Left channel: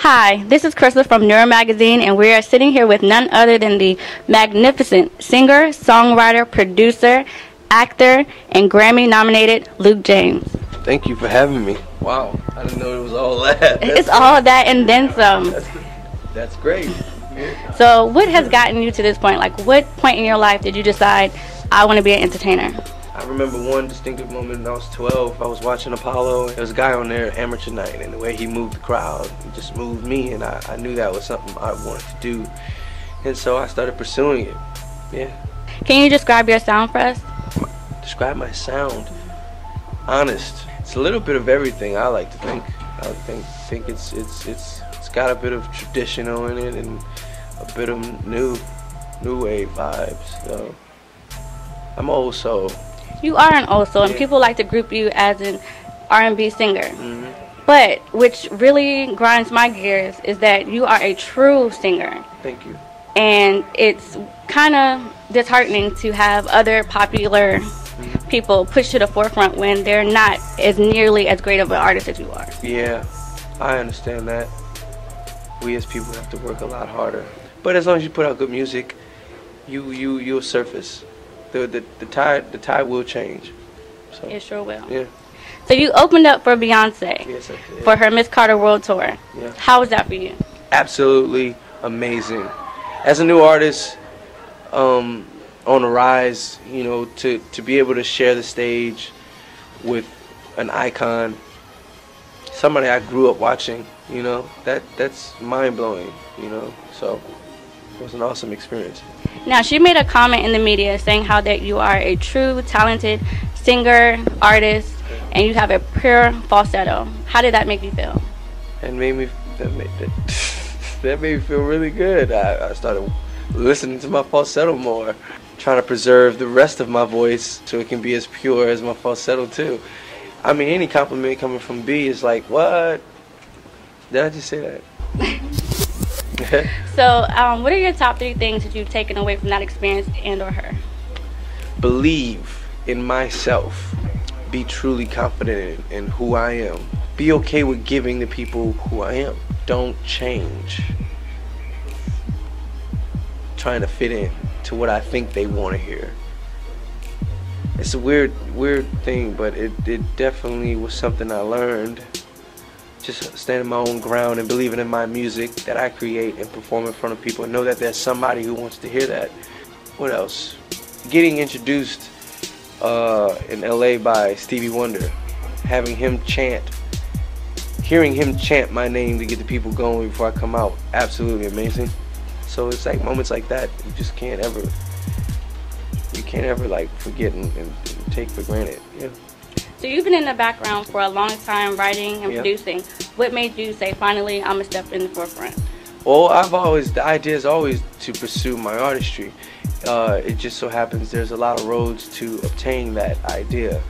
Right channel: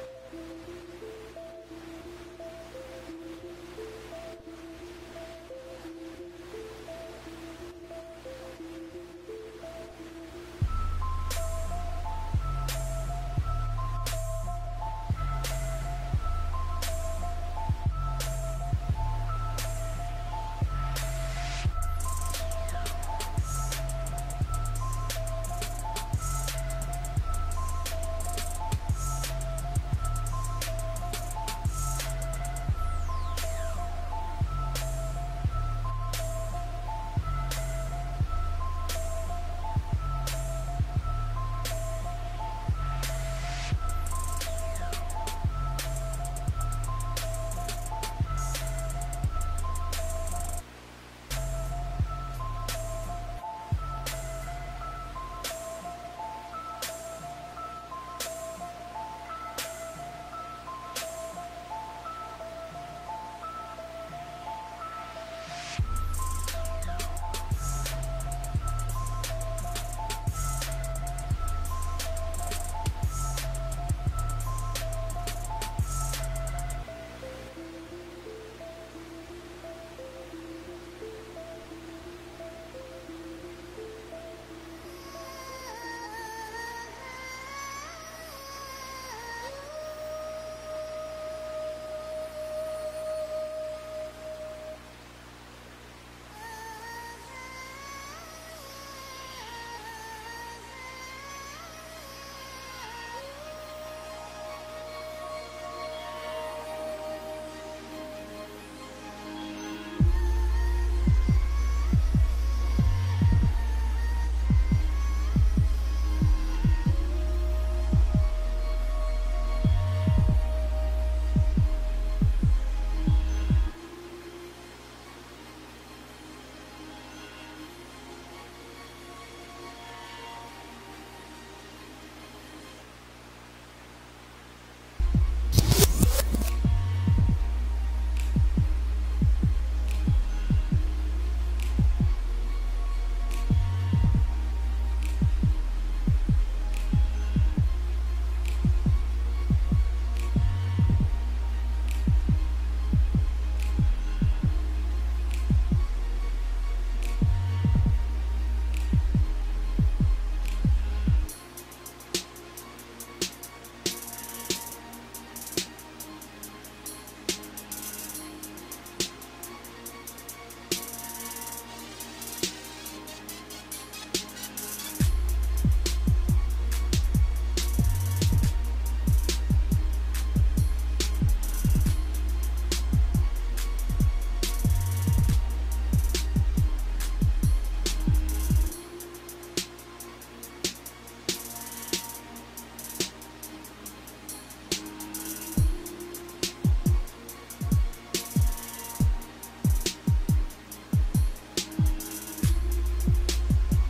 Hi, this is Crystal from Nura magazine, and we are sitting here with none other than the magnificent singer, songwriter, producer, actor, and Grammy-nominated Luke James. Thank you for having me. Wow, I didn't know it was all that. It's all that and then some. That's great. So what has gotten you to this point? Like, what point in your life did you decide, I want to be an entertainer? I remember one distinctive moment when I was 12. I was watching Apollo. There was a guy on there, Amateur Night, and the way he moved the crowd, it just moved me, and I knew that was something I wanted to do. And so I started pursuing it. Yeah. Can you describe your sound for us? Describe my sound? Honest. It's a little bit of everything, I like to think. I think it's got a bit of traditional in it and a bit of new wave vibes. So I'm old soul. You are an old soul, and people like to group you as an R&B singer. Mm-hmm. But which really grinds my gears is that you are a true singer. Thank you. And it's kind of disheartening to have other popular people pushed to the forefront when they're not as nearly as great of an artist as you are. Yeah, I understand that. We as people have to work a lot harder. But as long as you put out good music, you'll surface. The tide will change. So, It sure will. Yeah. So you opened up for Beyonce Yes, for her Miss Carter World Tour. Yeah. How was that for you? Absolutely amazing. As a new artist, on the rise, you know, to be able to share the stage with an icon, somebody I grew up watching, you know, that's mind-blowing, you know, so it was an awesome experience. Now, she made a comment in the media saying how that you are a true, talented singer, artist, and you have a pure falsetto. How did that make you feel? That made me feel really good. I started listening to my falsetto more, trying to preserve the rest of my voice so it can be as pure as my falsetto too. I mean, any compliment coming from B is like, what? Did I just say that? So, what are your top 3 things that you've taken away from that experience and or her? Believe in myself. Be truly confident in who I am. Be okay with giving the people who I am. Don't change. Trying to fit in to what I think they want to hear. It's a weird thing, but it definitely was something I learned. Just standing my own ground and believing in my music that I create and perform in front of people and know that there's somebody who wants to hear that. What else? Getting introduced in LA by Stevie Wonder, having him chant, hearing him chant my name to get the people going before I come out, absolutely amazing. So it's like moments like that you just can't ever like forget and take for granted. Yeah. So you've been in the background for a long time, writing and Yeah. producing. What made you say, finally, I'm gonna step in the forefront? Well, the idea is always to pursue my artistry. It just so happens there's a lot of roads to obtain that idea.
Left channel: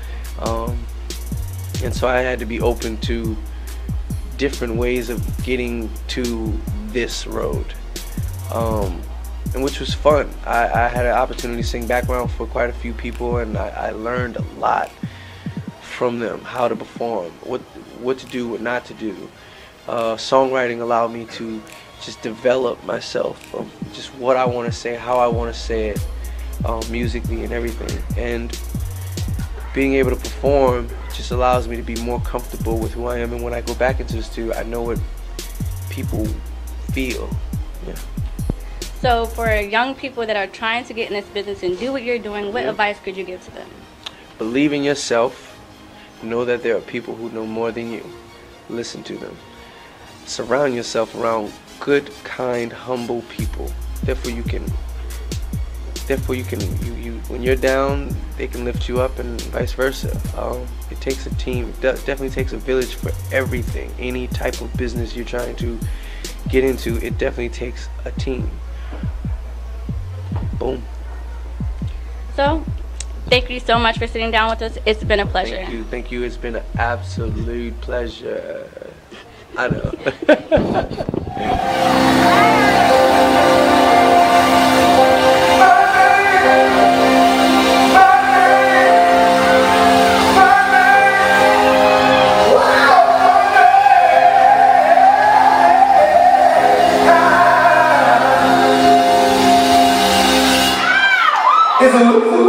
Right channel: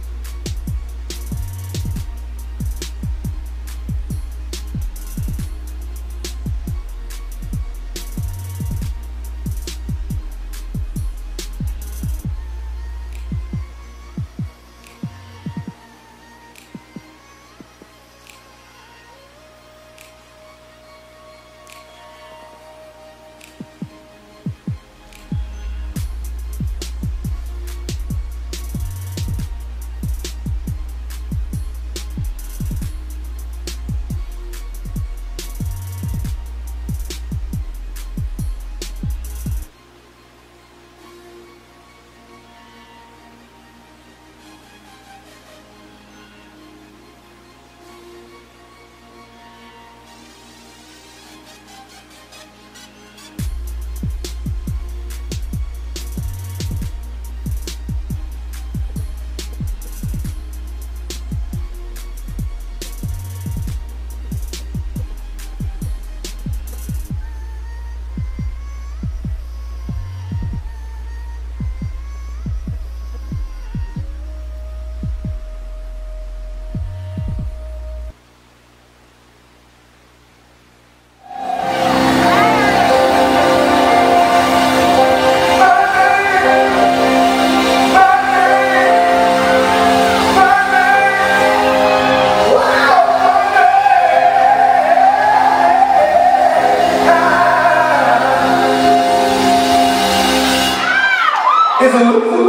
And so I had to be open to different ways of getting to this road. And which was fun. I had an opportunity to sing background for quite a few people, and I learned a lot from them, how to perform, what to do, what not to do. Songwriting allowed me to just develop myself from just what I want to say, how I want to say it, musically and everything. And being able to perform just allows me to be more comfortable with who I am, and when I go back into the studio, I know what people feel. Yeah. So for young people that are trying to get in this business and do what you're doing, what advice could you give to them? Believe in yourself. Know that there are people who know more than you. Listen to them. Surround yourself around good, kind, humble people. Therefore you can when you're down, they can lift you up, and vice versa. It takes a team. It definitely takes a village for everything. Any type of business you're trying to get into, it definitely takes a team. Boom. So, thank you so much for sitting down with us. It's been a pleasure. Thank you. It's been an absolute pleasure. I know. It's a